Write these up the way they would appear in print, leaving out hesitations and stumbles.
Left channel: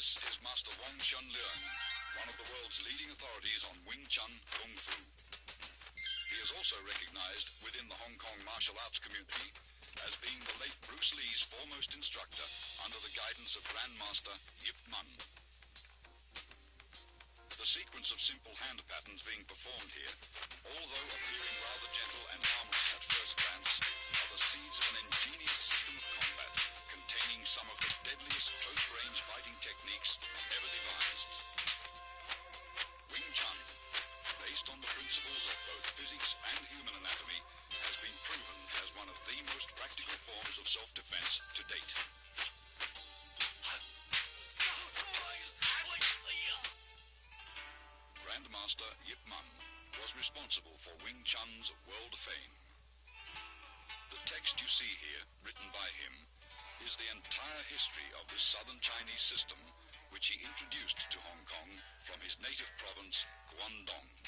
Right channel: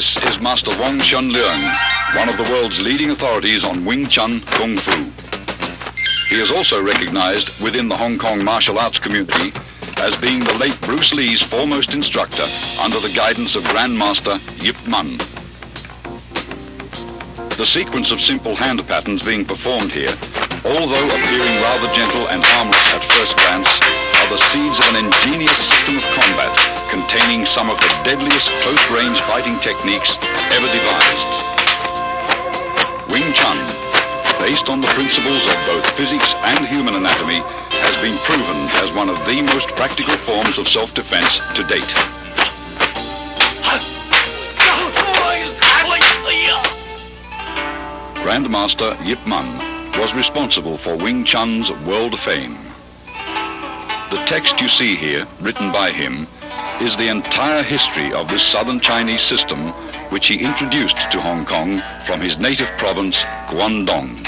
This is Master Wong Shun Leung, one of the world's leading authorities on Wing Chun Kung Fu. He is also recognized within the Hong Kong martial arts community as being the late Bruce Lee's foremost instructor under the guidance of Grandmaster Yip Man. The sequence of simple hand patterns being performed here, although appearing rather gentle and harmless at first glance, are the seeds of an ingenious system of combat containing some of the deadliest close-range fighting techniques ever devised. Wing Chun, based on the principles of both physics and human anatomy, has been proven as one of the most practical forms of self-defense to date. Grandmaster Yip Man was responsible for Wing Chun's world fame. The text you see here, written by him, is the entire history of this southern Chinese system which he introduced to Hong Kong from his native province, Guangdong.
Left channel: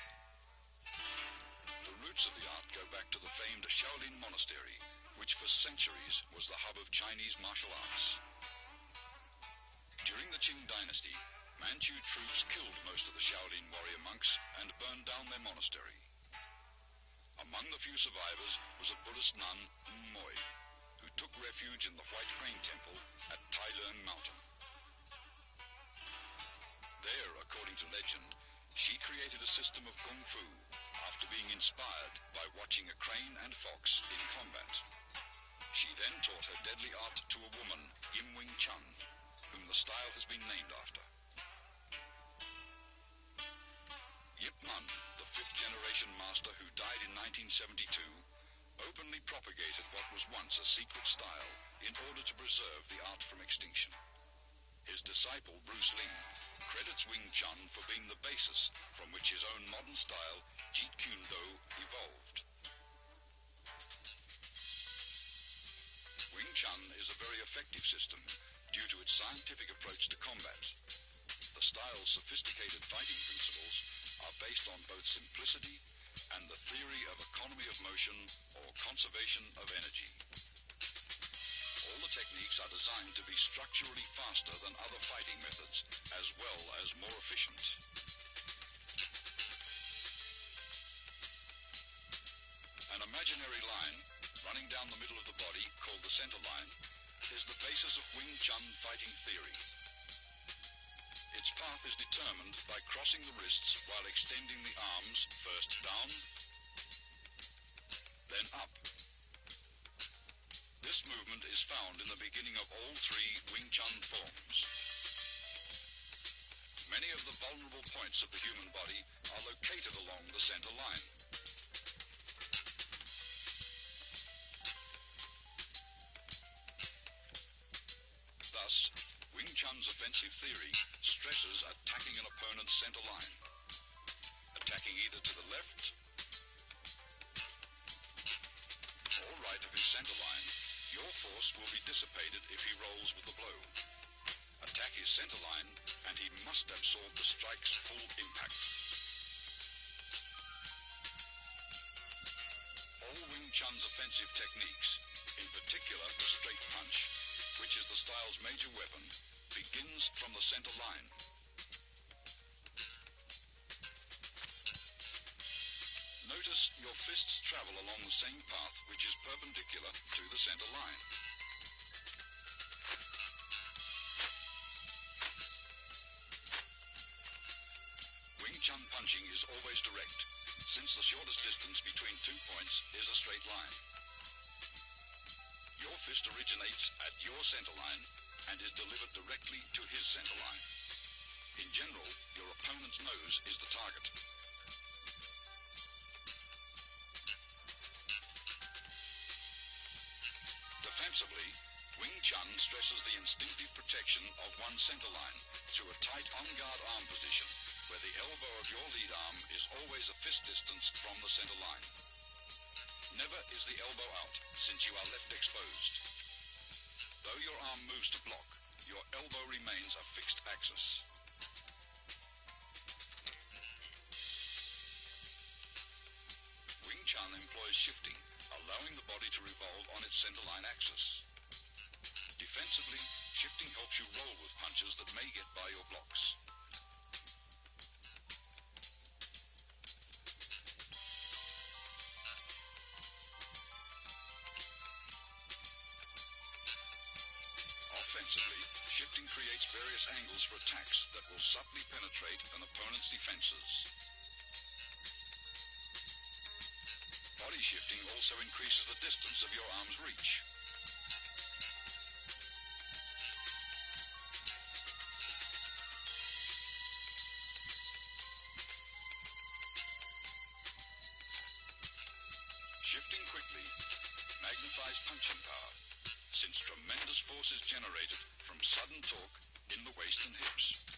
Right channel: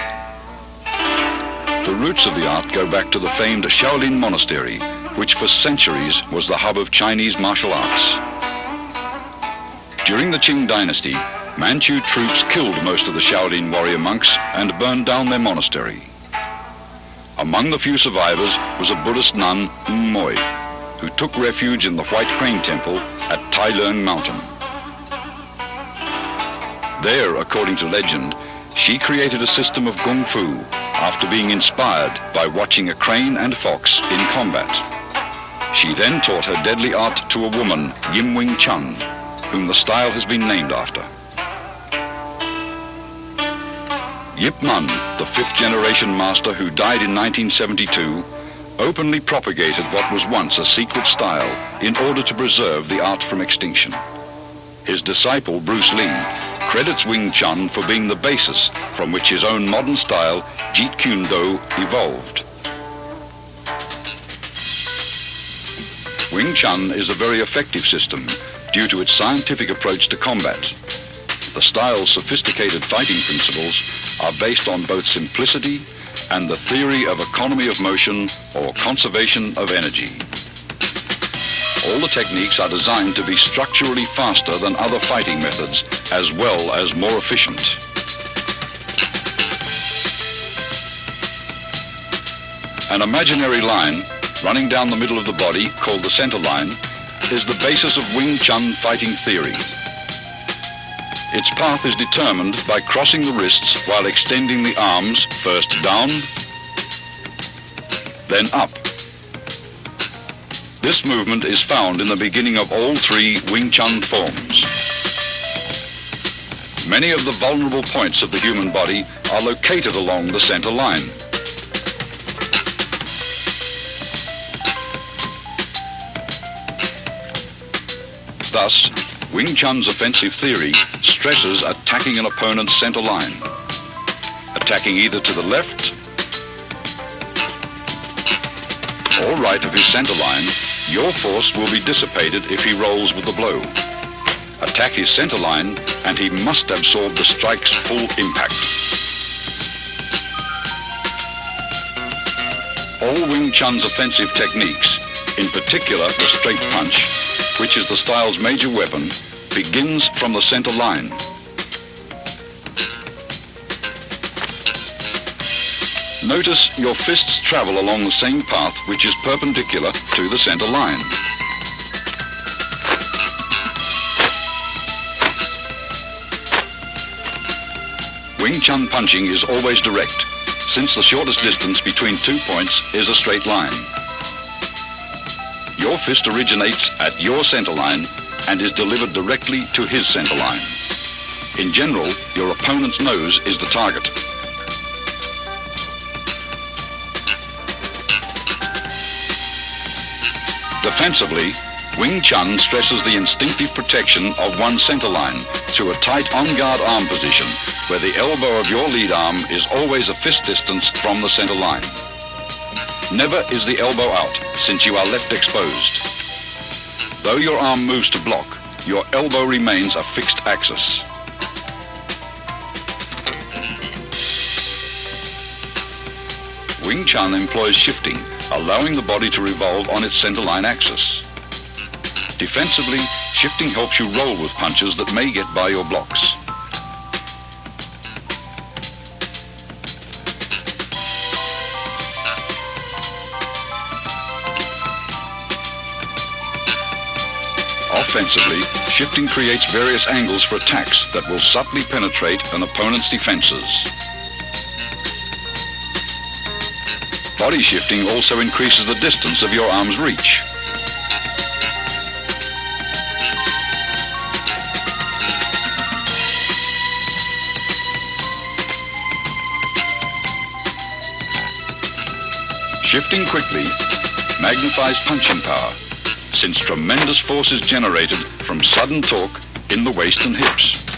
The roots of the art go back to the famed Shaolin Monastery, which for centuries was the hub of Chinese martial arts. During the Qing dynasty, Manchu troops killed most of the Shaolin warrior monks and burned down their monastery. Among the few survivors was a Buddhist nun, Moi, who took refuge in the White Crane Temple at Leung Mountain. There, according to legend, she created a system of kung fu after being inspired by watching a crane and fox in combat. She then taught her deadly art to a woman, Wing Chun, whom the style has been named after. Yip Man, the fifth-generation master who died in 1972, openly propagated what was once a secret style in order to preserve the art from extinction. His disciple, Bruce Lee, credits Wing Chun for being the basis from which his own modern style, Jeet Kune Do, evolved. Wing Chun is a very effective system due to its scientific approach to combat. The style's sophisticated fighting principles are based on both simplicity and the theory of economy of motion or conservation of energy. All the techniques are designed to be structurally faster than other fighting methods, as well as more efficient. An imaginary line running down the middle of the body, called the center line, is the basis of Wing Chun fighting theory. Its path is determined by crossing the wrists while extending the arms first down, then up. This movement is found in the beginning of all three Wing Chun forms. Many of the vulnerable points of the human body are located along the center line. Thus, Wing Chun's offensive theory stresses attacking an opponent's center line. Attacking either to the left or right of his center line, your force will be dissipated if he rolls with the blow. Attack his center line and he must absorb the strike's full impact. All Wing Chun's offensive techniques, in particular the straight punch, which is the style's major weapon, begins from the center line. Notice your fists travel along the same path which is perpendicular to the center line. Wing Chun punching is always direct, since the shortest distance between 2 points is a straight line. Your fist originates at your center line and is delivered directly to his center line. In general, your opponent's nose is the target. Defensively, Wing Chun stresses the instinctive protection of one's center line through a tight on-guard arm position where the elbow of your lead arm is always a fist distance from the center line. Never is the elbow out, since you are left exposed. Though your arm moves to block, your elbow remains a fixed axis. Wing Chun employs shifting, allowing the body to revolve on its center line axis. Defensively, shifting helps you roll with punches that may get by your blocks. Offensively, shifting creates various angles for attacks that will subtly penetrate an opponent's defenses. Body shifting also increases the distance of your arm's reach. Shifting quickly magnifies punching power, since tremendous force is generated from sudden torque in the waist and hips.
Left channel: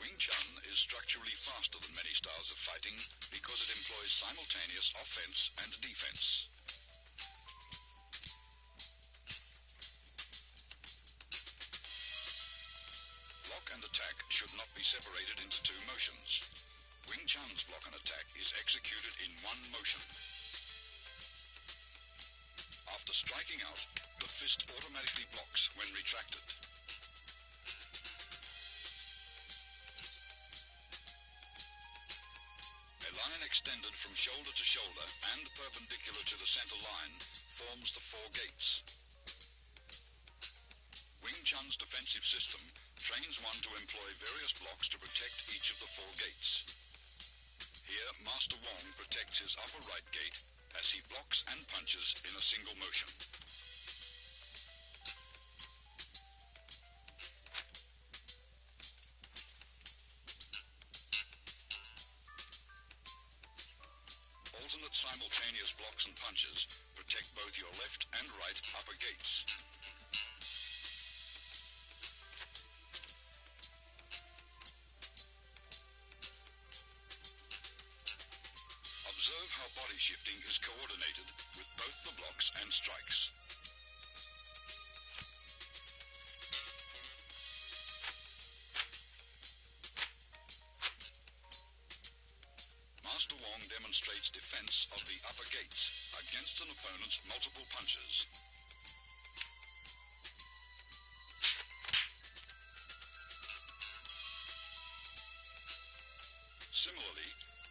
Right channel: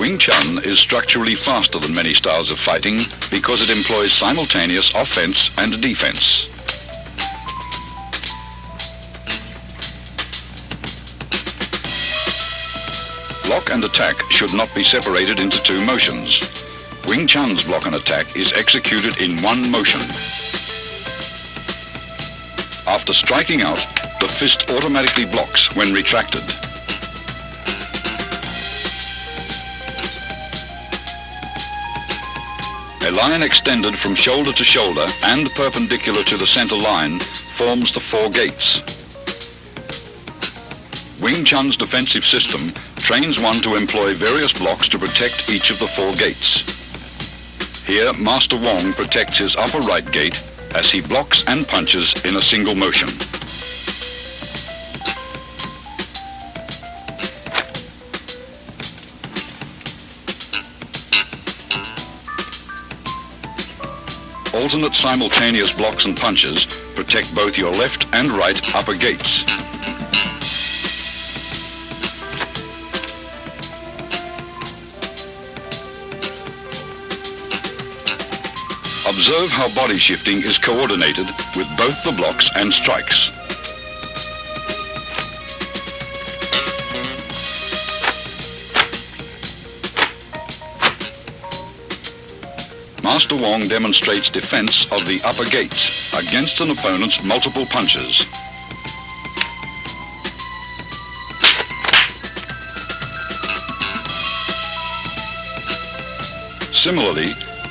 Wing Chun is structurally faster than many styles of fighting because it employs simultaneous offense and defense. Block and attack should not be separated into two motions. Wing Chun's block and attack is executed in one motion. After striking out, the fist automatically blocks when retracted. A line extended from shoulder to shoulder and perpendicular to the center line forms the four gates. Wing Chun's defensive system trains one to employ various blocks to protect each of the four gates. Here, Master Wong protects his upper right gate as he blocks and punches in a single motion. Alternate simultaneous blocks and punches protect both your left and right upper gates. Observe how body shifting is coordinated with both the blocks and strikes. Master Wong demonstrates defense of the upper gates against an opponent's multiple punches. Similarly,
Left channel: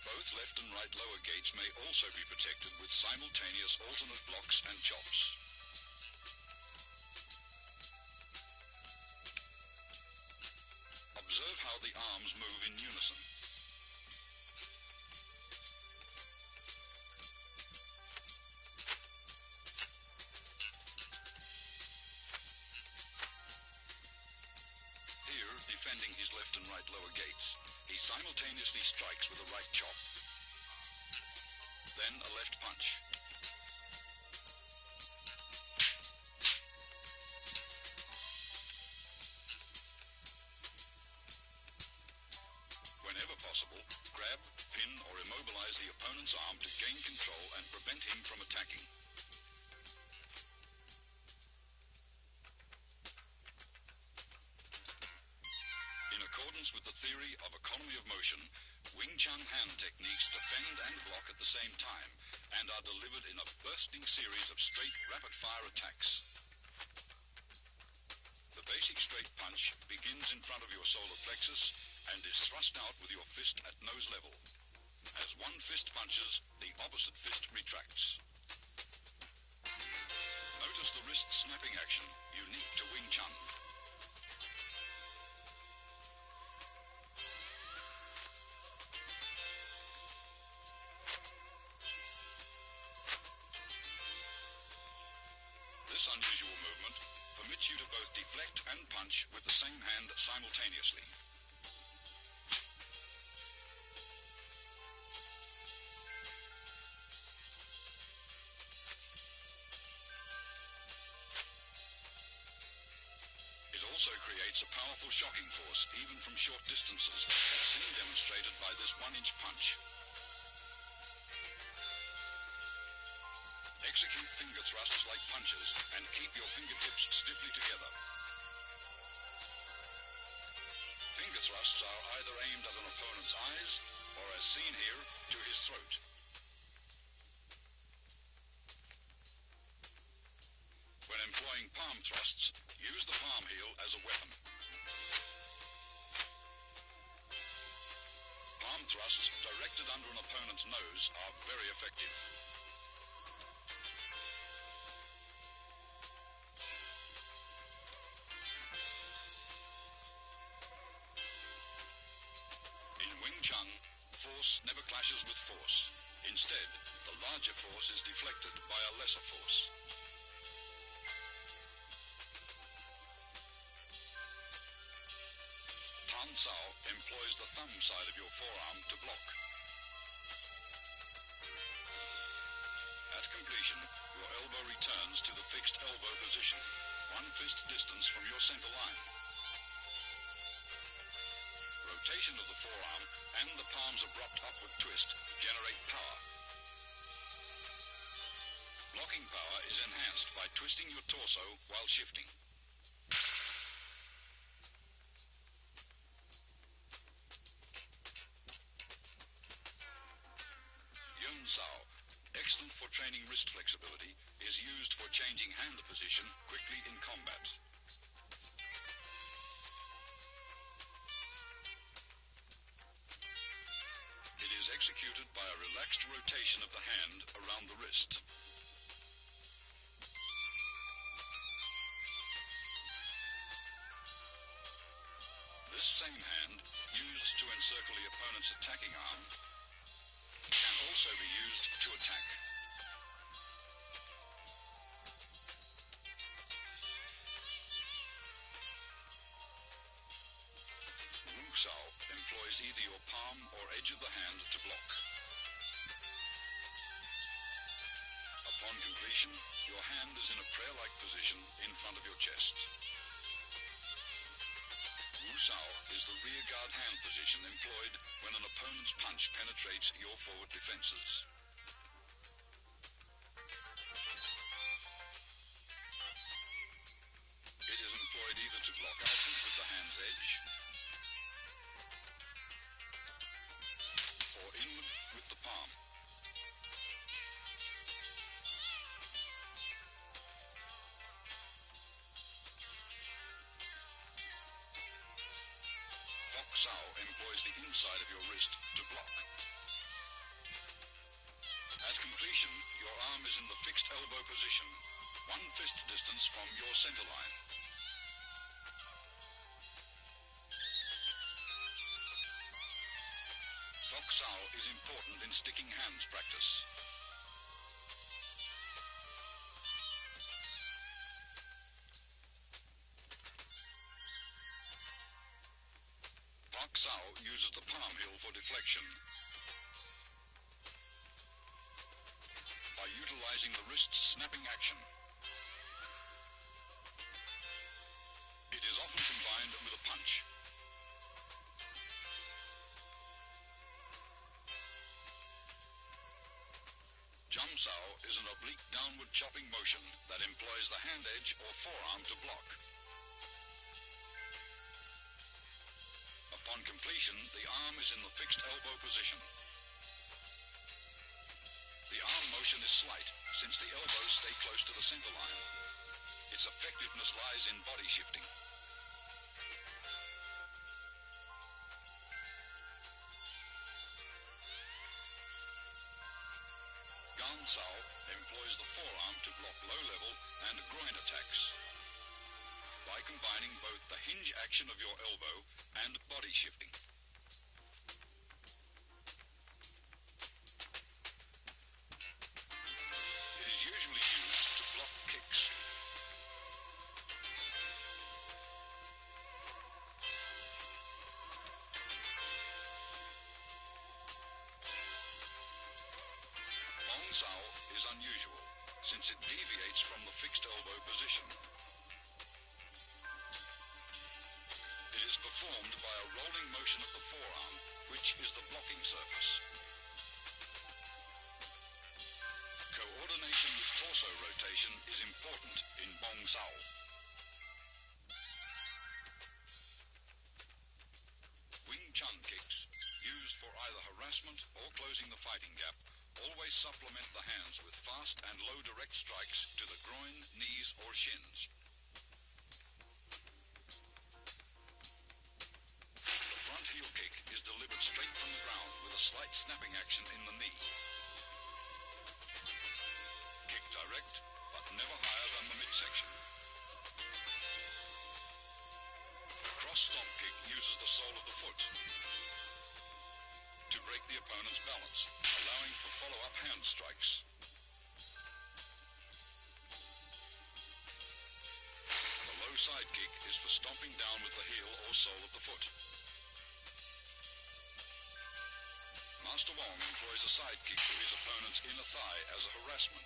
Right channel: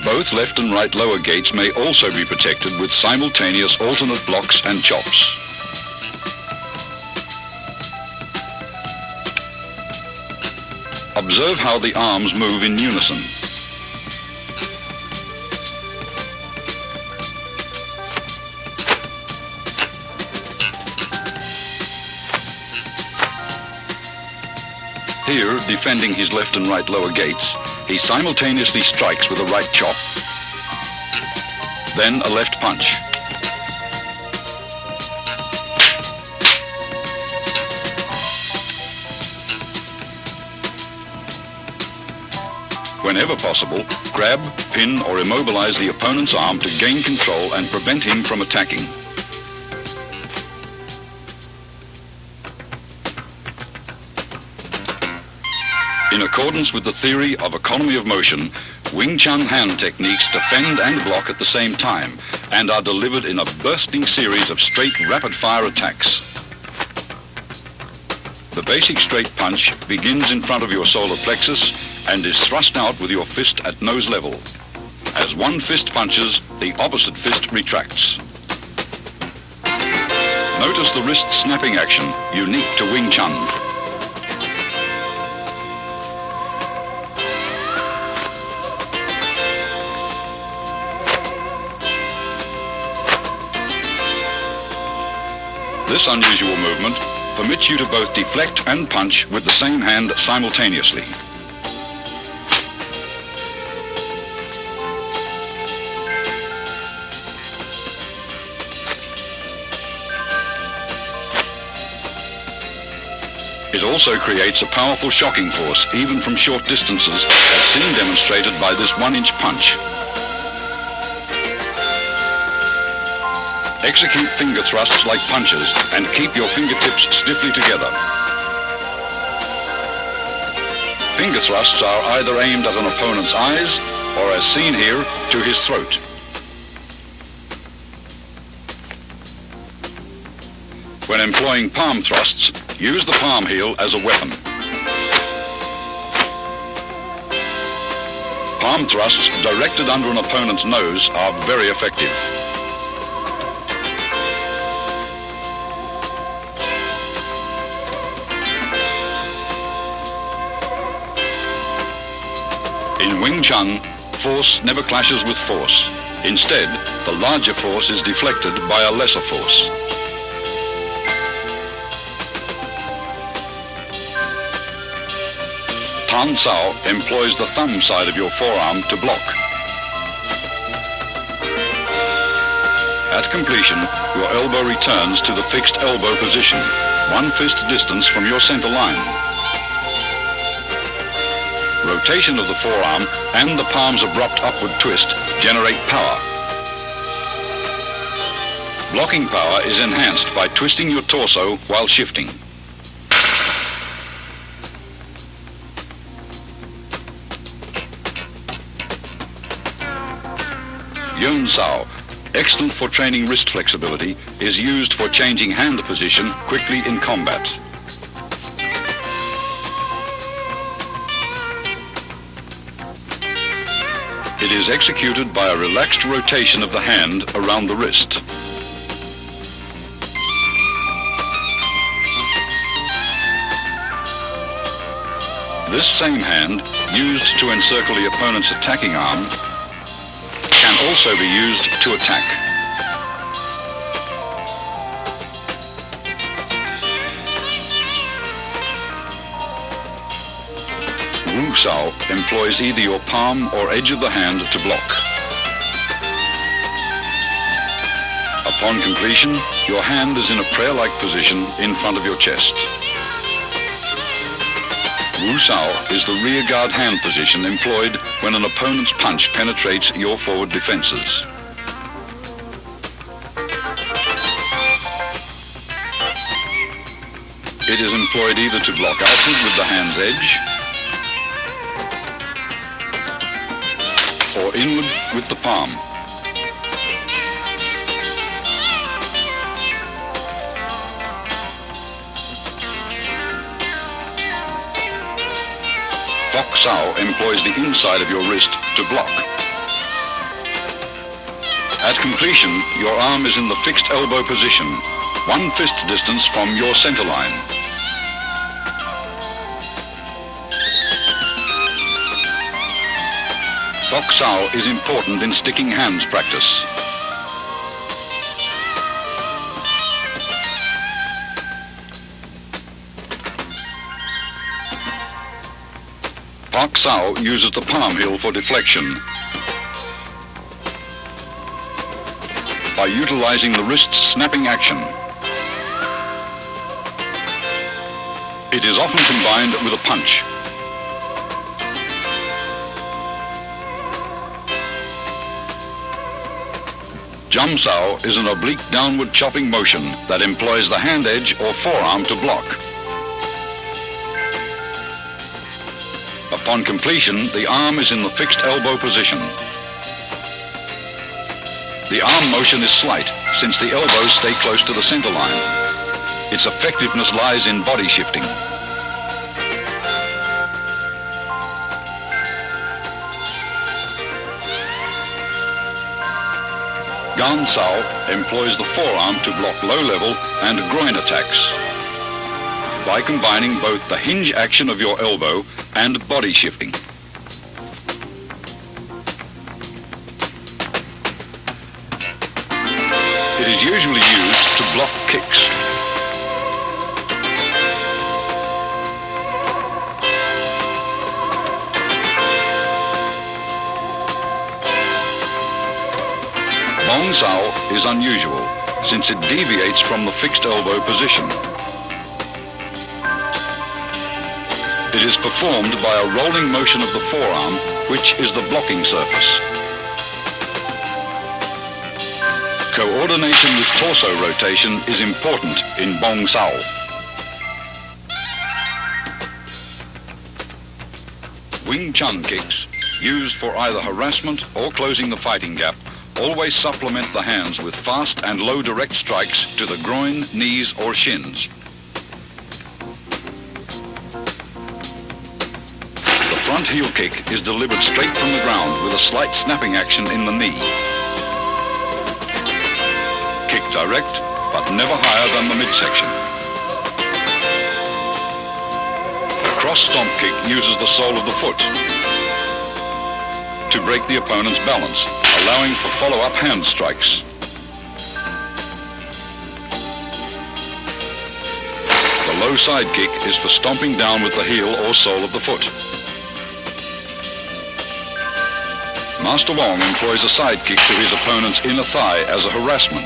both left and right lower gates may also be protected with simultaneous alternate blocks and chops. Observe how the arms move in unison. Here, defending his left and right lower gates, he simultaneously strikes with a right chop, then a left punch. Whenever possible, grab, pin, or immobilize the opponent's arm to gain control and prevent him from attacking. In accordance with the theory of economy of motion, Wing Chun hand techniques defend and block at the same time and are delivered in a bursting series of straight rapid-fire attacks. The basic straight punch begins in front of your solar plexus and is thrust out with your fist at nose level. As one fist punches, the opposite fist retracts. Notice the wrist snapping action, unique to Wing Chun. This unusual movement permits you to both deflect and punch with the same hand simultaneously. It also creates a powerful shocking force, even from short distances, as seen demonstrated by this 1-inch punch. Execute finger thrusts like punches and keep your fingertips stiffly together. Finger thrusts are either aimed at an opponent's eyes or, as seen here, to his throat. When employing palm thrusts, use the palm heel as a weapon. Palm thrusts directed under an opponent's nose are very effective. In Wing Chun, force never clashes with force. Instead, the larger force is deflected by a lesser force. Tan Sao employs the thumb side of your forearm to block. At completion, your elbow returns to the fixed elbow position, 1 fist distance from your center line. Rotation of the forearm and the palm's abrupt upward twist generate power. Blocking power is enhanced by twisting your torso while shifting. Yun Sao, excellent for training wrist flexibility, is used for changing hand position quickly in combat. It is executed by a relaxed rotation of the hand around the wrist. This same hand, used to encircle the opponent's attacking arm, can also be used to attack. Wu Sao employs either your palm or edge of the hand to block. Upon completion, your hand is in a prayer-like position in front of your chest. Wu Sao is the rear guard hand position employed when an opponent's punch penetrates your forward defenses. It is employed either to block outward with the hand's edge or inward with the palm. Fok Sao employs the inside of your wrist to block. At completion, your arm is in the fixed elbow position, 1 fist distance from your center line. Fok Sao is important in sticking hands practice. Fok Sao uses the palm heel for deflection. By utilizing the wrist's snapping action. It is often combined with a punch. Jum Sao is an oblique downward chopping motion that employs the hand edge or forearm to block. Upon completion, the arm is in the fixed elbow position. The arm motion is slight, since the elbows stay close to the center line. Its effectiveness lies in body shifting. Gan Sao employs the forearm to block low-level and groin attacks by combining both the hinge action of your elbow and body shifting. It is usually used to block kicks. Wong Sao is unusual, since it deviates from the fixed elbow position. It is performed by a rolling motion of the forearm, which is the blocking surface. Coordination with torso rotation is important in Wong Sao. Wing Chun kicks, used for either harassment or closing the fighting gap, always supplement the hands with fast and low direct strikes to the groin, knees or shins. The front heel kick is delivered straight from the ground with a slight snapping action in the knee. Kick direct, but never higher than the midsection. The cross stomp kick uses the sole of the foot to break the opponent's balance, allowing for follow-up hand strikes. The low side kick is for stomping down with the heel or sole of the foot. Master Wong employs a side kick to his opponent's inner thigh as a harassment.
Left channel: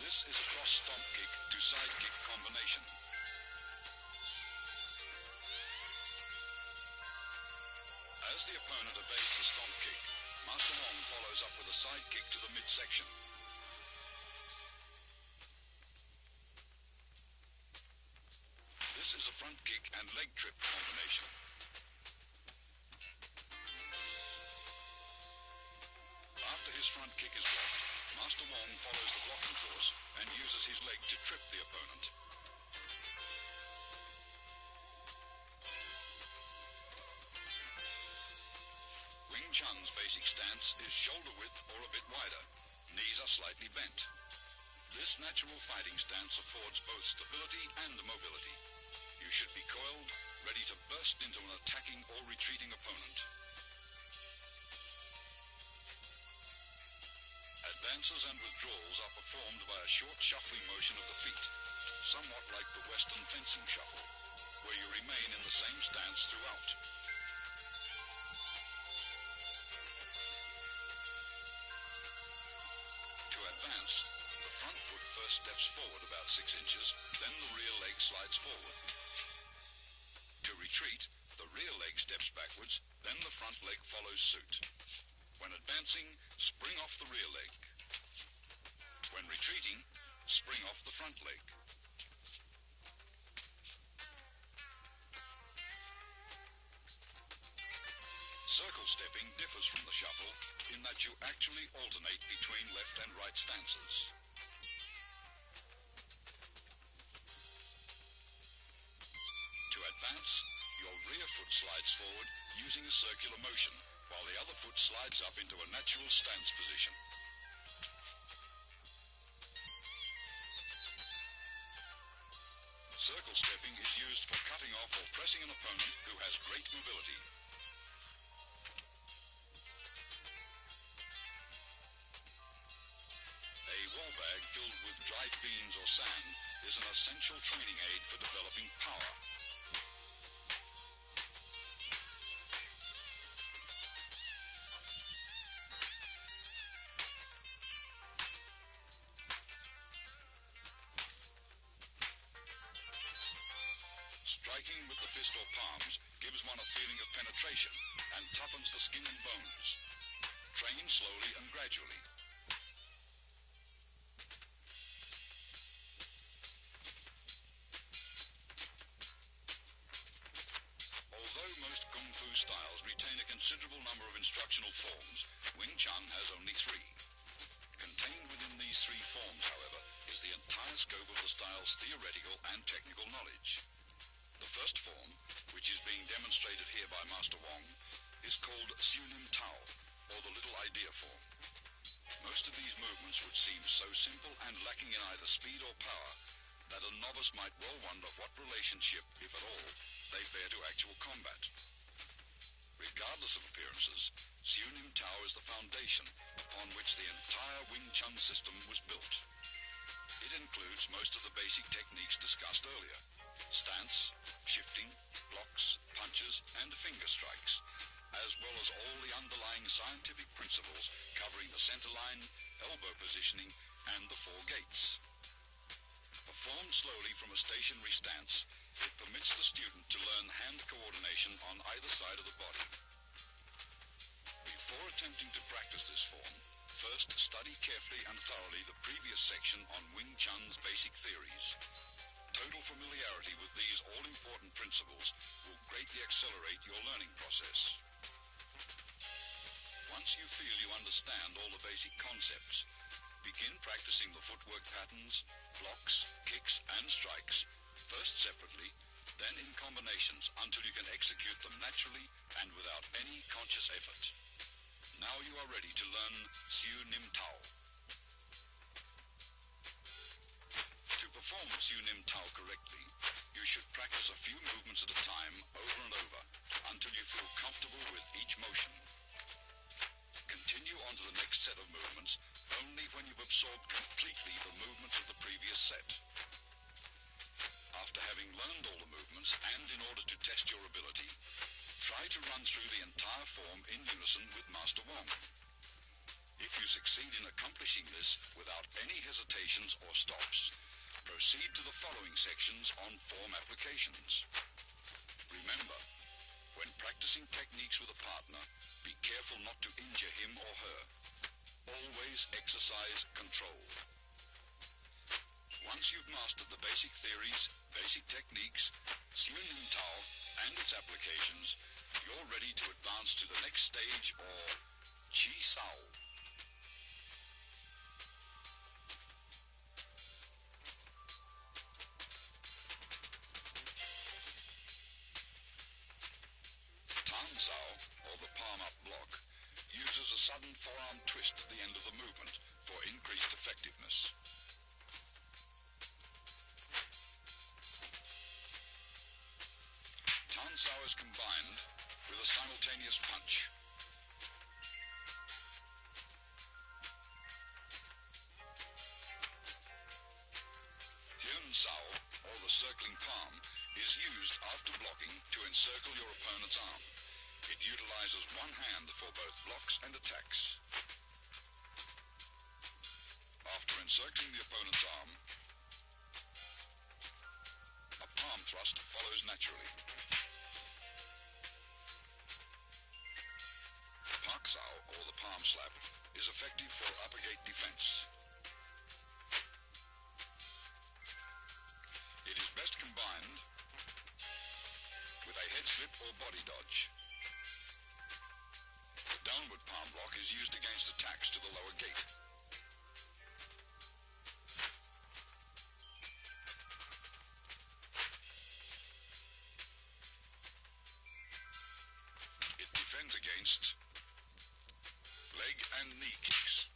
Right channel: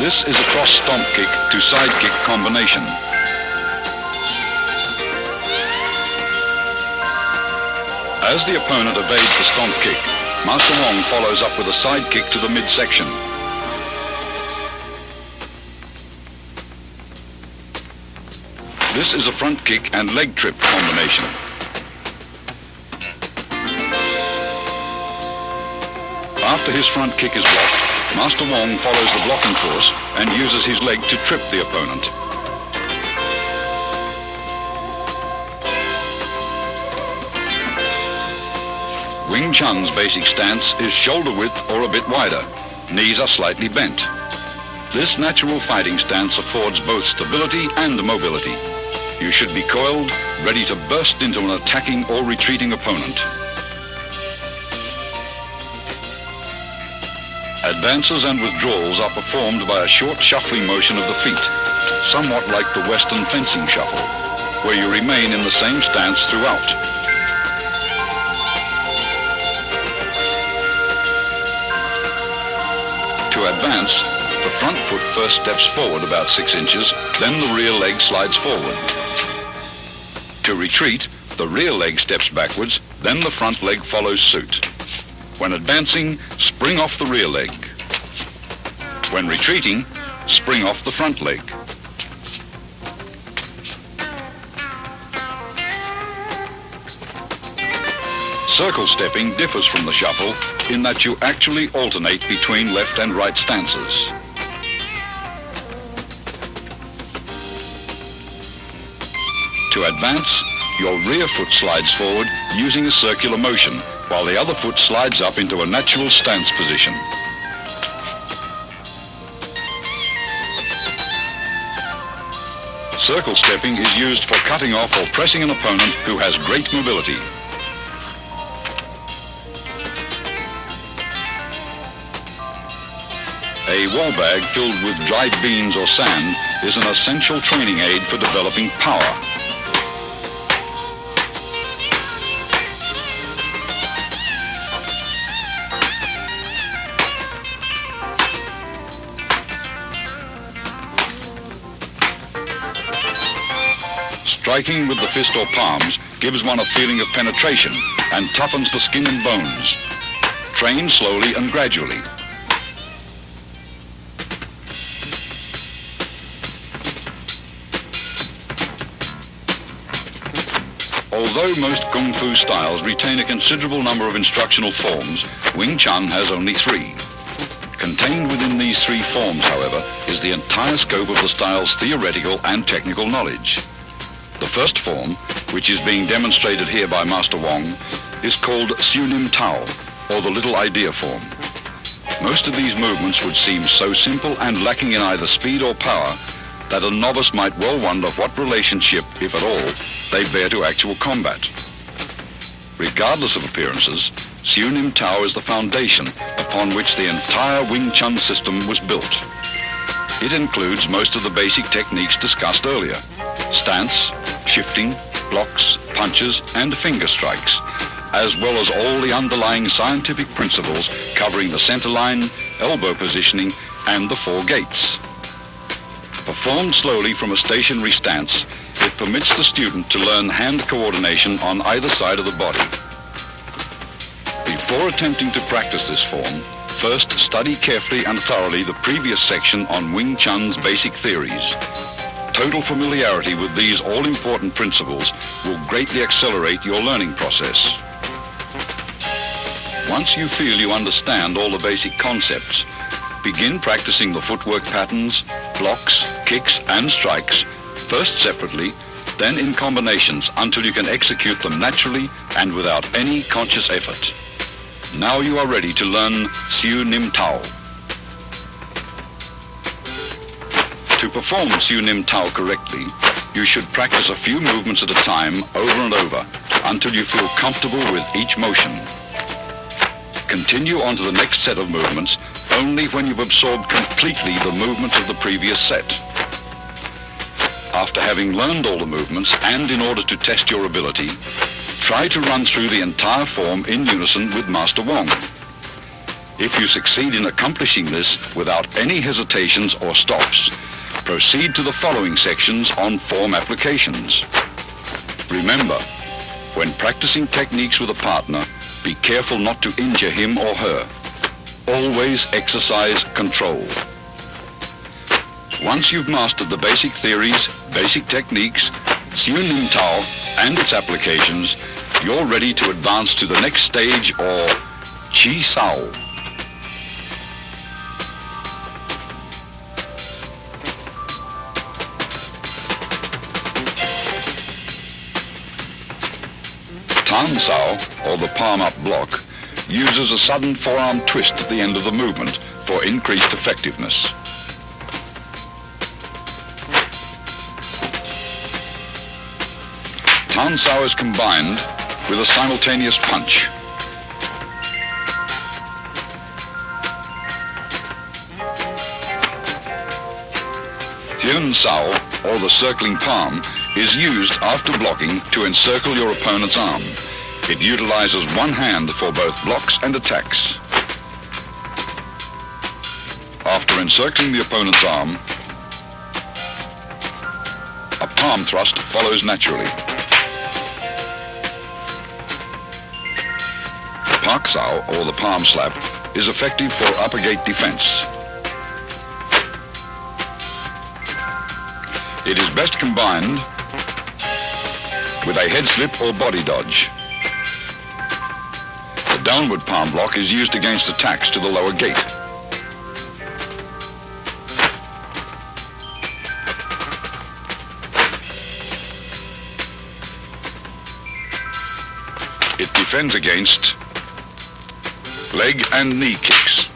This is a cross stomp kick to side kick combination. As the opponent evades the stomp kick, Master Wong follows up with a side kick to the midsection. This is a front kick and leg trip combination. After his front kick is blocked, Master Wong follows the blocking force and uses his leg to trip the opponent. Wing Chun's basic stance is shoulder width or a bit wider. Knees are slightly bent. This natural fighting stance affords both stability and mobility. You should be coiled, ready to burst into an attacking or retreating opponent. Advances and withdrawals are performed by a short shuffling motion of the feet, somewhat like the Western fencing shuffle, where you remain in the same stance throughout. To advance, the front foot first steps forward about 6 inches, then the rear leg slides forward. To retreat, the rear leg steps backwards, then the front leg follows suit. When advancing, spring off the rear leg. When retreating, spring off the front leg. Circle stepping differs from the shuffle in that you actually alternate between left and right stances. To advance, your rear foot slides forward using a circular motion, while the other foot slides up into a natural stance position. Circle stepping is used for cutting off or pressing an opponent who has great mobility. A wall bag filled with dried beans or sand is an essential training aid for developing power. Striking with the fist or palms gives one a feeling of penetration and toughens the skin and bones. Train slowly and gradually. Although most Kung Fu styles retain a considerable number of instructional forms, Wing Chun has only 3. Contained within these 3 forms, however, is the entire scope of the style's theoretical and technical knowledge. The first form, which is being demonstrated here by Master Wong, is called Shun Tao, or the Little Idea form. Most of these movements would seem so simple and lacking in either speed or power that a novice might well wonder what relationship, if at all, they bear to actual combat. Regardless of appearances, Shun Tao is the foundation upon which the entire Wing Chun system was built. It includes most of the basic techniques discussed earlier: stance, shifting, blocks, punches, and finger strikes, as well as all the underlying scientific principles covering the center line, elbow positioning, and the 4 gates. Performed slowly from a stationary stance, it permits the student to learn hand coordination on either side of the body. Before attempting to practice this form, first study carefully and thoroughly the previous section on Wing Chun's basic theories. Total familiarity with these all-important principles will greatly accelerate your learning process. Once you feel you understand all the basic concepts, begin practicing the footwork patterns, blocks, kicks, and strikes, first separately, then in combinations until you can execute them naturally and without any conscious effort. Now you are ready to learn Shun Tao. To perform Shun Tao correctly, you should practice a few movements at a time over and over until you feel comfortable with each motion. Continue on to the next set of movements only when you've absorbed completely the movements of the previous set. After having learned all the movements, and in order to test your ability, try to run through the entire form in unison with Master Wong. If you succeed in accomplishing this without any hesitations or stops, proceed to the following sections on form applications. Remember, when practicing techniques with a partner, be careful not to injure him or her. Always exercise control. Once you've mastered the basic theories, basic techniques, Shun Tao, and its applications, you're ready to advance to the next stage, or Chi Sao. Tan Sao, or the palm-up block, uses a sudden forearm twist at the end of the movement for increased effectiveness. Tan Sao is combined with a simultaneous punch. Hyun Sao, or the circling palm, is used after blocking to encircle your opponent's arm. It utilizes one hand for both blocks and attacks. After encircling the opponent's arm, a palm thrust follows naturally. Pak Sao, or the palm slap, is effective for upper gate defense. It is best combined with a head slip or body dodge. The downward palm block is used against attacks to the lower gate. It defends against leg and knee kicks.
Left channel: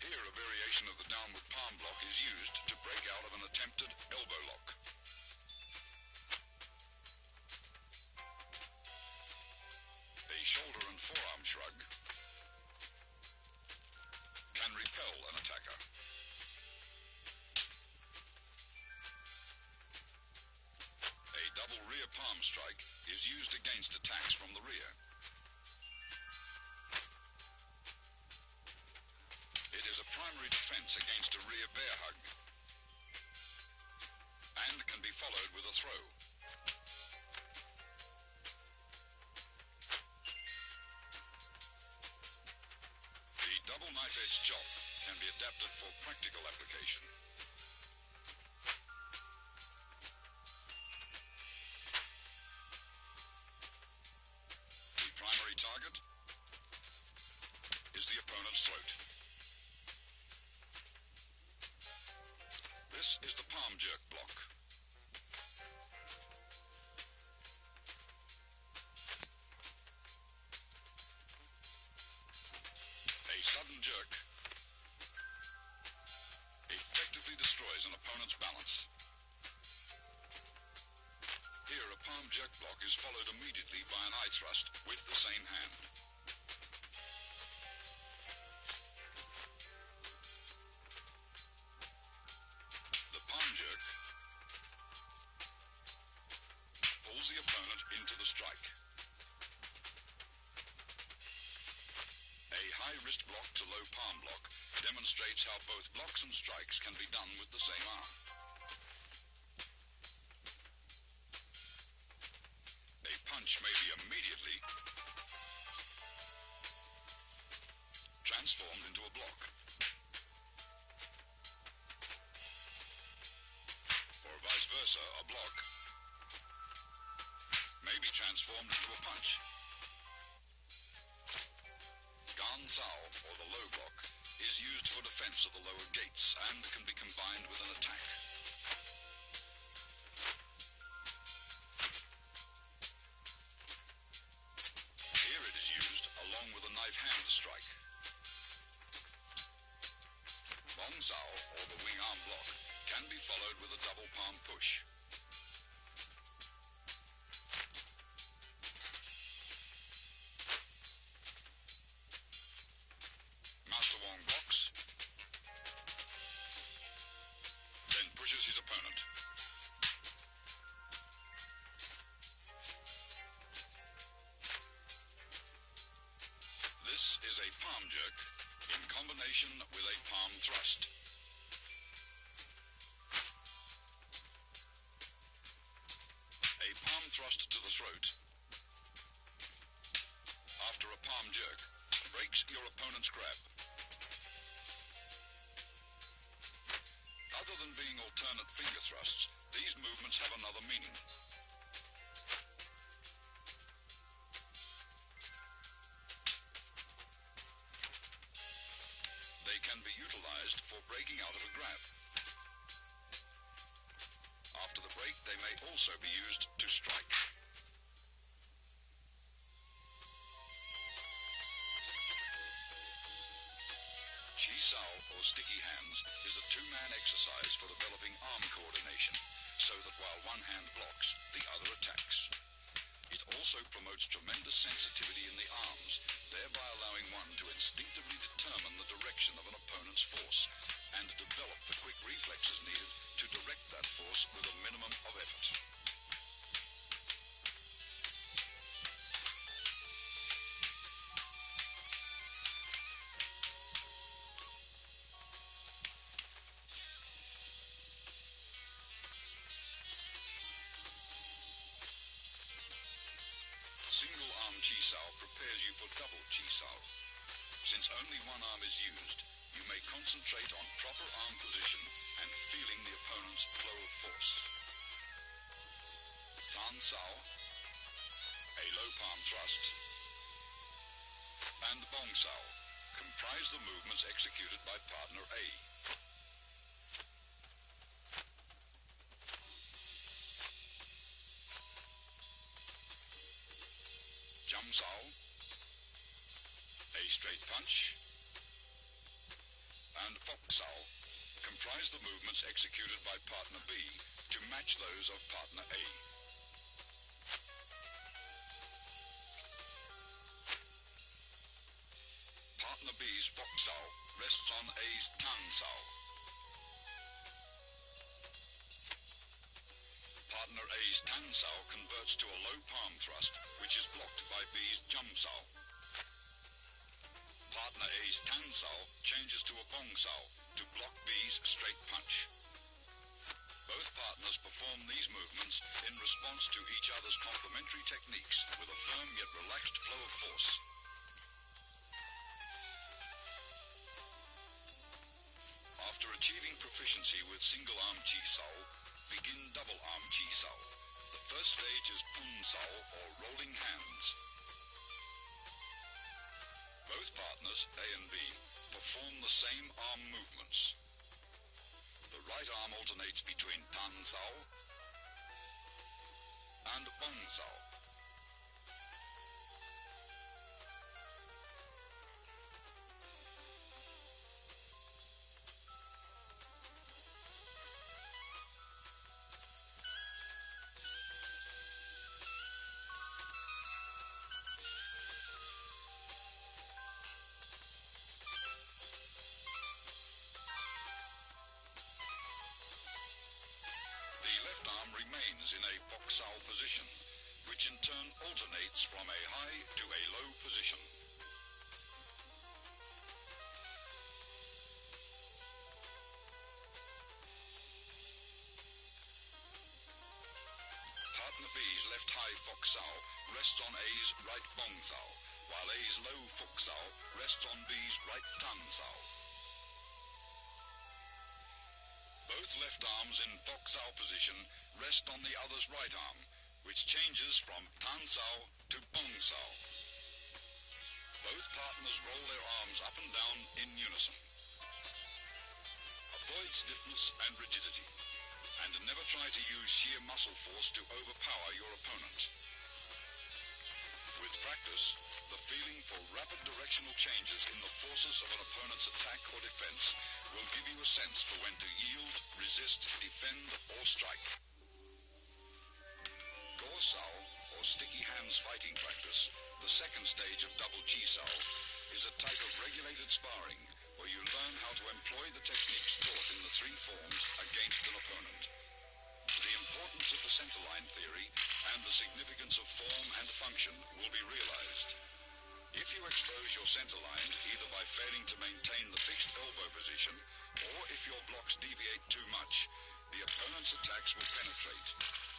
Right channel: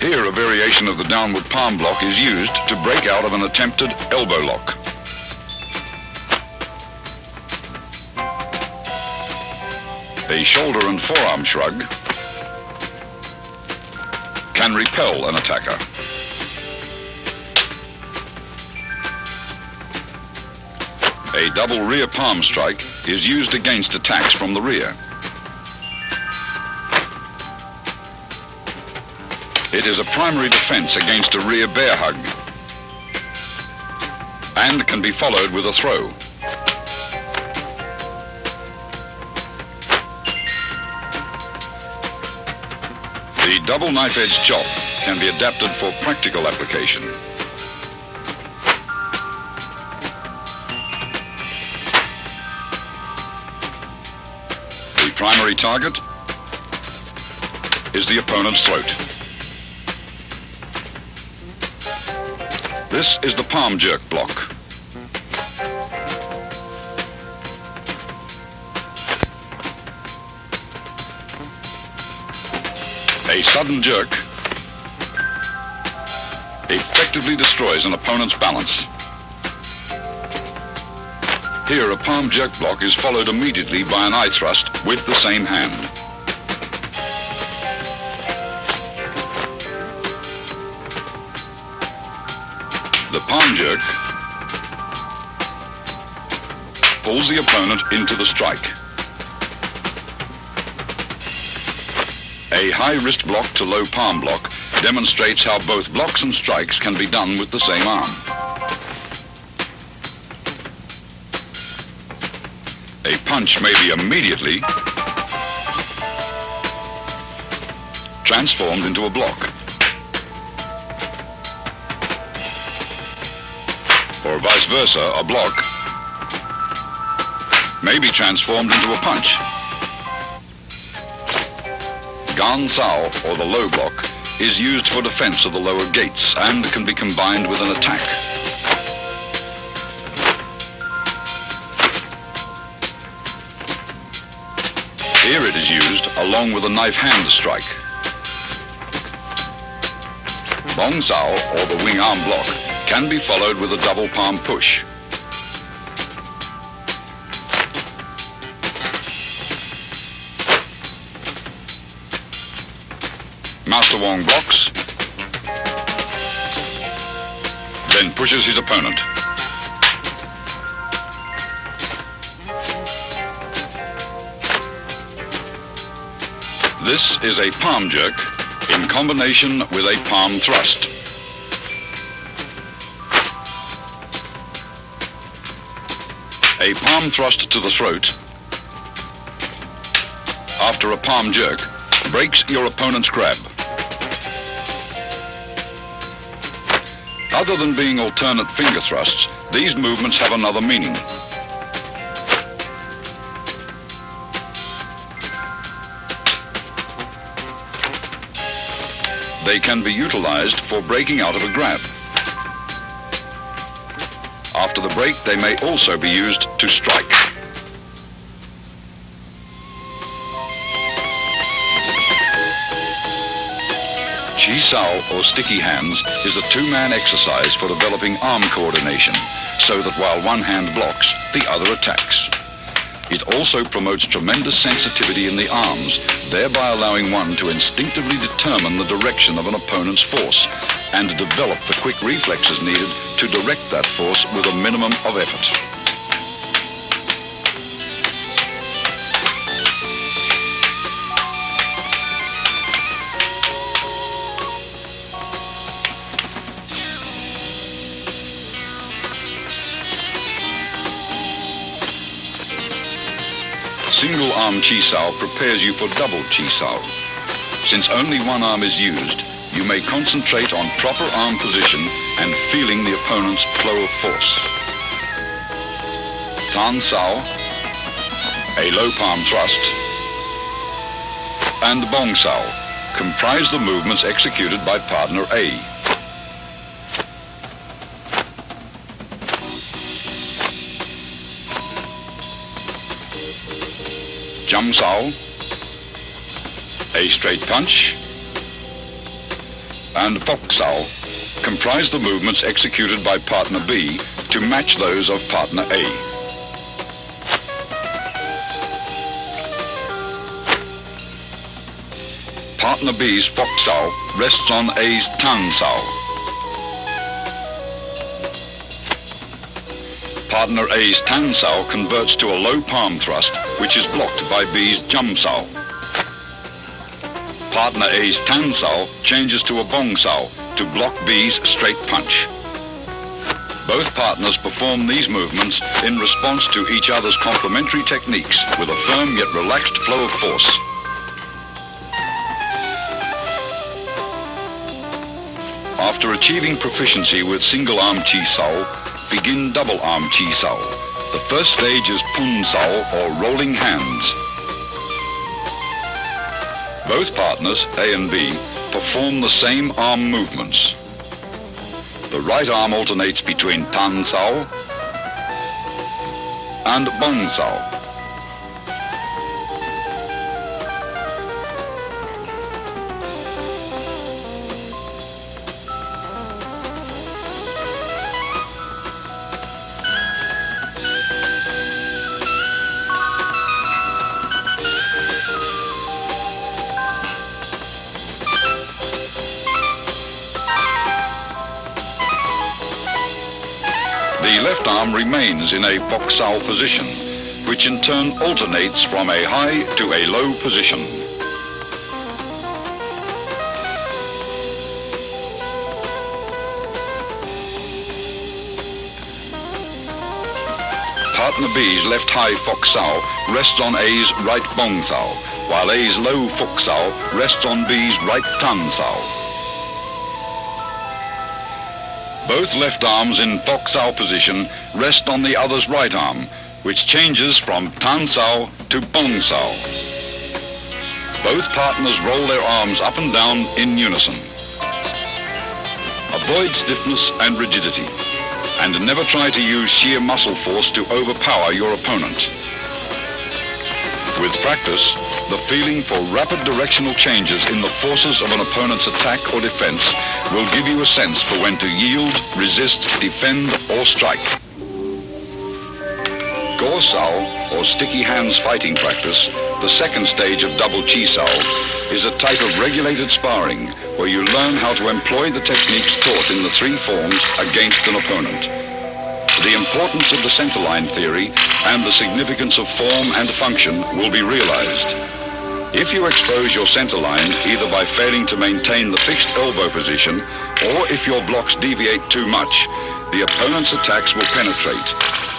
Here, a variation of the downward palm block is used to break out of an attempted elbow lock. A shoulder and forearm shrug can repel an attacker. A double rear palm strike is used against attacks from the rear. It is a primary defense against a rear bear hug and can be followed with a throw. The double knife-edge chop can be adapted for practical application. primary target is the opponent's throat. This is the palm jerk block. A sudden jerk effectively destroys an opponent's balance. Here, a palm jerk block is followed immediately by an eye thrust with the same hand. The palm jerk pulls the opponent into the strike. A high wrist block to low palm block demonstrates how both blocks and strikes can be done with the same arm. A punch may be immediately transformed into a block, or vice versa, a block may be transformed into a punch. Gan Sao, or the low block, is used for defense of the lower gates and can be combined with an attack. Here it is used along with a knife hand strike. Bong Sao, or the wing arm block, can be followed with a double palm push. Master Wong blocks, then pushes his opponent. This is a palm jerk in combination with a palm thrust. A palm thrust to the throat after a palm jerk breaks your opponent's grab. Other than being alternate finger thrusts, these movements have another meaning. They can be utilized for breaking out of a grab. After the break, they may also be used to strike. Chi Sao, or sticky hands, is a two-man exercise for developing arm coordination, so that while one hand blocks, the other attacks. It also promotes tremendous sensitivity in the arms, thereby allowing one to instinctively determine the direction of an opponent's force and develop the quick reflexes needed to direct that force with a minimum of effort. Single arm Chi Sao prepares you for double Chi Sao. Since only one arm is used, you may concentrate on proper arm position and feeling the opponent's flow of force. Tan Sao, a low palm thrust, and Bong Sao comprise the movements executed by partner A. Jum Sao, a straight punch, and Fok Sao comprise the movements executed by partner B to match those of partner A. Partner B's Fok Sao rests on A's Tan Sao. Partner A's Tan Sao converts to a low palm thrust, which is blocked by B's Jum Sao. Partner A's Tan Sao changes to a Bong Sao to block B's straight punch. Both partners perform these movements in response to each other's complementary techniques with a firm yet relaxed flow of force. After achieving proficiency with single arm Chi Sao, begin double arm Chi Sao. The first stage is Pun Sao, or rolling hands. Both partners, A and B, perform the same arm movements. The right arm alternates between Tan Sao and Bong Sao. The left arm remains in a Fok Sao position, which in turn alternates from a high to a low position. Partner B's left high Fok Sao rests on A's right Bong Sao, while A's low Fok Sao rests on B's right Tan Sao. Both left arms in Fok Sao position rest on the other's right arm, which changes from Tan Sao to Bong Sao. Both partners roll their arms up and down in unison. Avoid stiffness and rigidity, and never try to use sheer muscle force to overpower your opponent. With practice, the feeling for rapid directional changes in the forces of an opponent's attack or defense will give you a sense for when to yield, resist, defend, or strike. Go Sao, or sticky hands fighting practice, the second stage of double Chi Sao, is a type of regulated sparring where you learn how to employ the techniques taught in the three forms against an opponent. The importance of the centerline theory and the significance of form and function will be realized. If you expose your centerline either by failing to maintain the fixed elbow position or if your blocks deviate too much, the opponent's attacks will penetrate.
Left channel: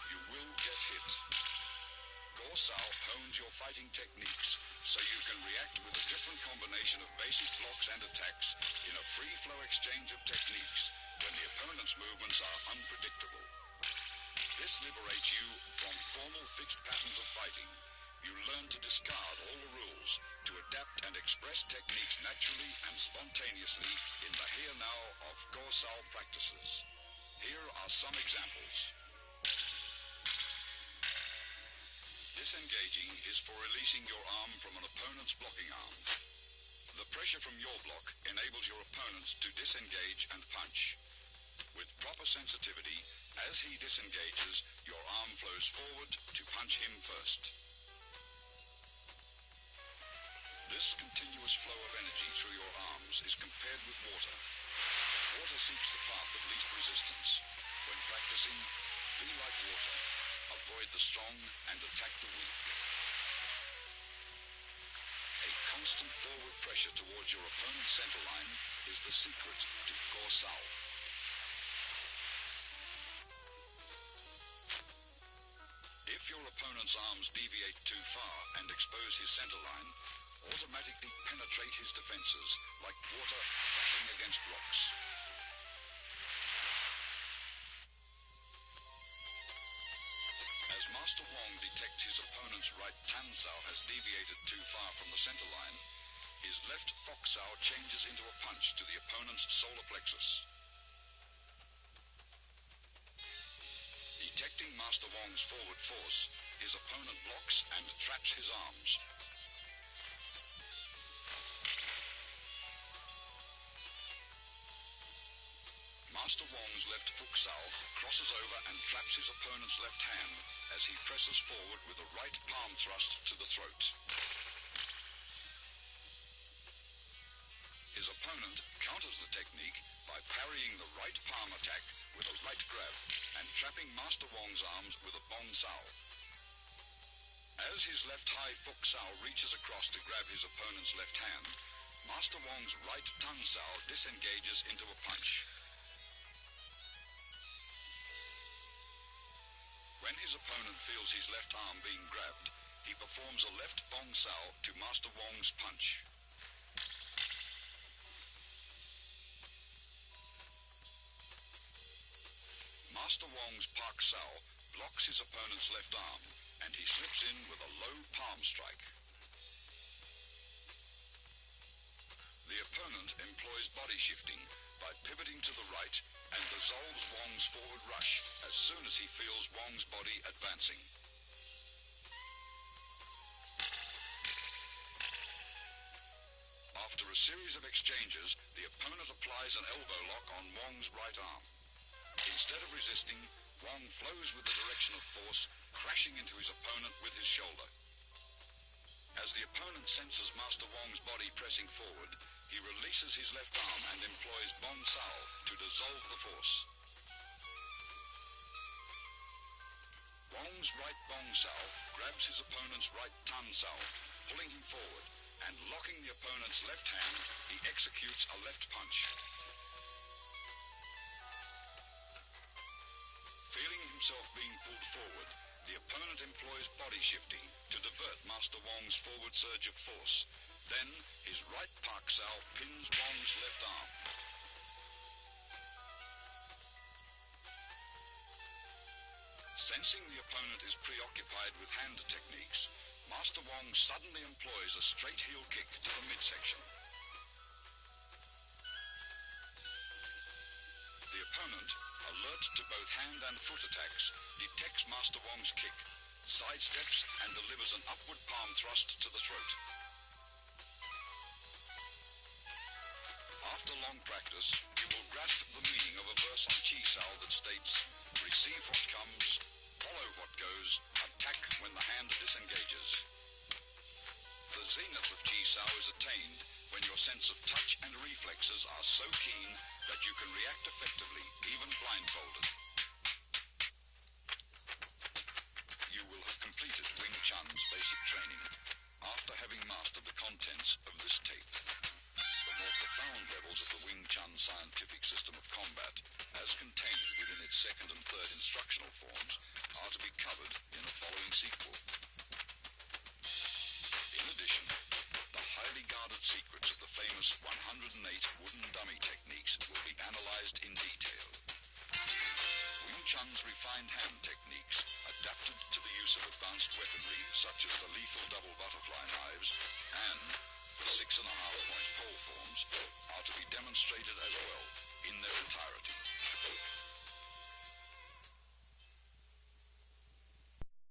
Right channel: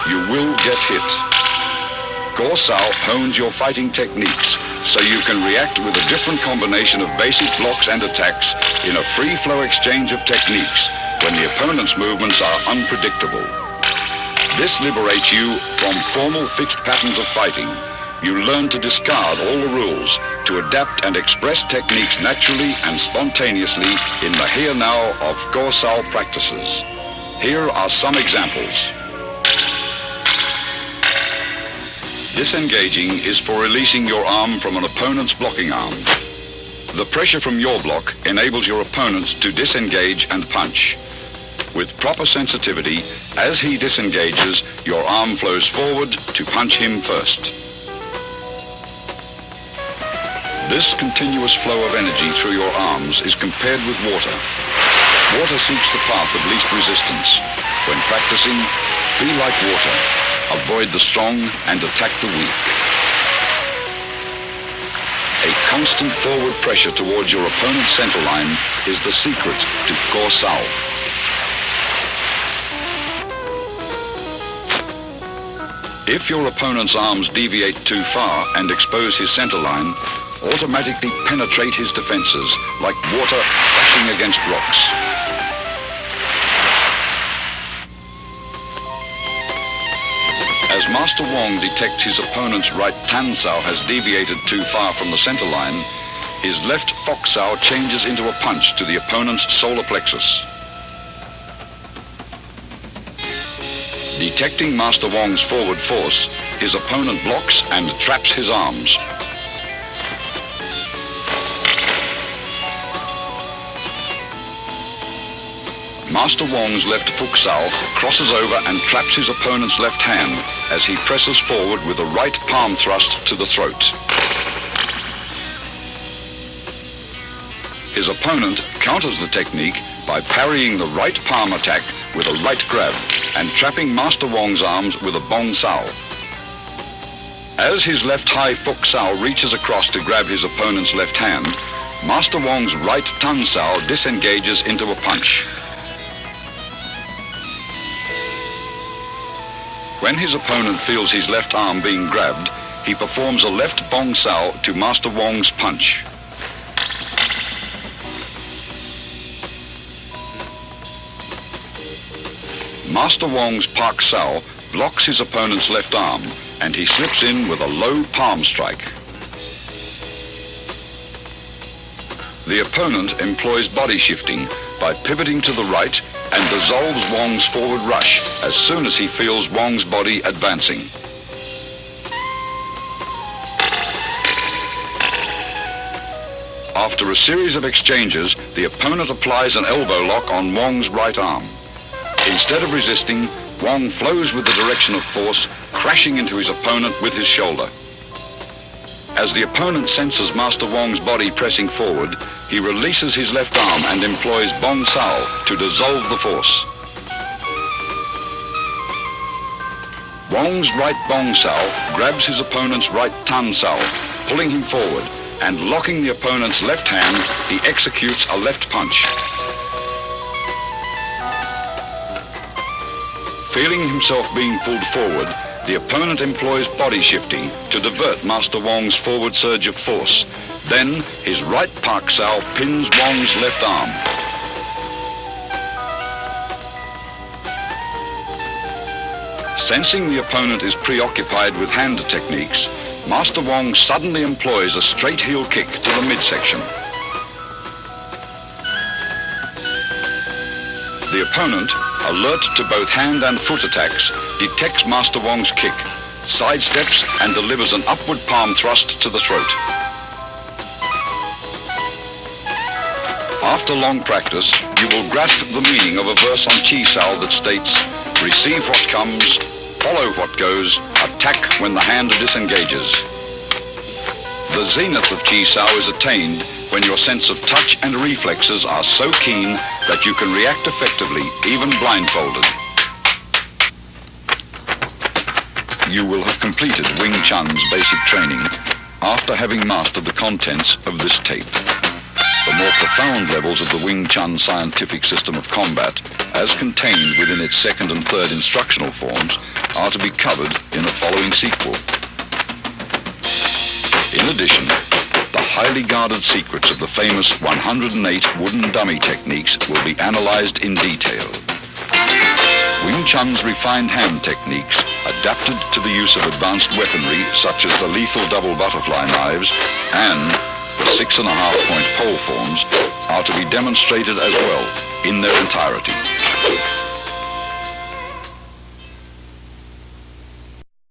You will get hit. Go Sao hones your fighting techniques so you can react with a different combination of basic blocks and attacks in a free-flow exchange of techniques when the opponent's movements are unpredictable. This liberates you from formal fixed patterns of fighting. You learn to discard all the rules, to adapt and express techniques naturally and spontaneously in the here-now of Go Sao practices. Here are some examples. Disengaging is for releasing your arm from an opponent's blocking arm. The pressure from your block enables your opponent to disengage and punch. With proper sensitivity, as he disengages, your arm flows forward to punch him first. This continuous flow of energy through your arms is compared with water. Water seeks the path of least resistance. When practicing, be like water. Avoid the strong and attack the weak. A constant forward pressure towards your opponent's centerline is the secret to Go Sao. If your opponent's arms deviate too far and expose his centerline, automatically penetrate his defenses like water crashing against rocks. As Master Wong detects his opponent's right Tan Sao has deviated too far from the centerline, his left Fok Sao changes into a punch to the opponent's solar plexus. Detecting Master Wong's forward force, his opponent blocks and traps his arms. Master Wong's left Fok Sao crosses over and traps his opponent's left hand as he presses forward with a right palm thrust to the throat. His opponent counters the technique by parrying the right palm attack with a right grab and trapping Master Wong's arms with a Bong Sao. As his left high Fok Sao reaches across to grab his opponent's left hand, Master Wong's right Tan Sao disengages into a punch. When his opponent feels his left arm being grabbed, he performs a left Bong Sao to Master Wong's punch. Master Wong's Pak Sao blocks his opponent's left arm and he slips in with a low palm strike. The opponent employs body shifting by pivoting to the right and dissolves Wong's forward rush as soon as he feels Wong's body advancing. After a series of exchanges, the opponent applies an elbow lock on Wong's right arm. Instead of resisting, Wong flows with the direction of force, crashing into his opponent with his shoulder. As the opponent senses Master Wong's body pressing forward, he releases his left arm and employs Bong Sao to dissolve the force. Wong's right Bong Sao grabs his opponent's right Tan Sao, pulling him forward, and locking the opponent's left hand, he executes a left punch. Feeling himself being pulled forward, the opponent employs body shifting to divert Master Wong's forward surge of force. Then, his right Pak Sao pins Wong's left arm. Sensing the opponent is preoccupied with hand techniques, Master Wong suddenly employs a straight heel kick to the midsection. The opponent, alert to both hand and foot attacks, detects Master Wong's kick, sidesteps and delivers an upward palm thrust to the throat. After long practice, you will grasp the meaning of a verse on Chi Sao that states, "Receive what comes, follow what goes, attack when the hand disengages." The zenith of Chi Sao is attained when your sense of touch and reflexes are so keen that you can react effectively, even blindfolded. You will have completed Wing Chun's basic training after having mastered the contents of this tape. The more profound levels of the Wing Chun scientific system of combat, as contained within its second and third instructional forms, are to be covered in a following sequel. In addition, the highly guarded secrets of the famous 108 wooden dummy techniques will be analyzed in detail. Wing Chun's refined hand techniques, adapted to the use of advanced weaponry such as the lethal double butterfly knives and the 6.5-point pole forms, are to be demonstrated as well in their entirety.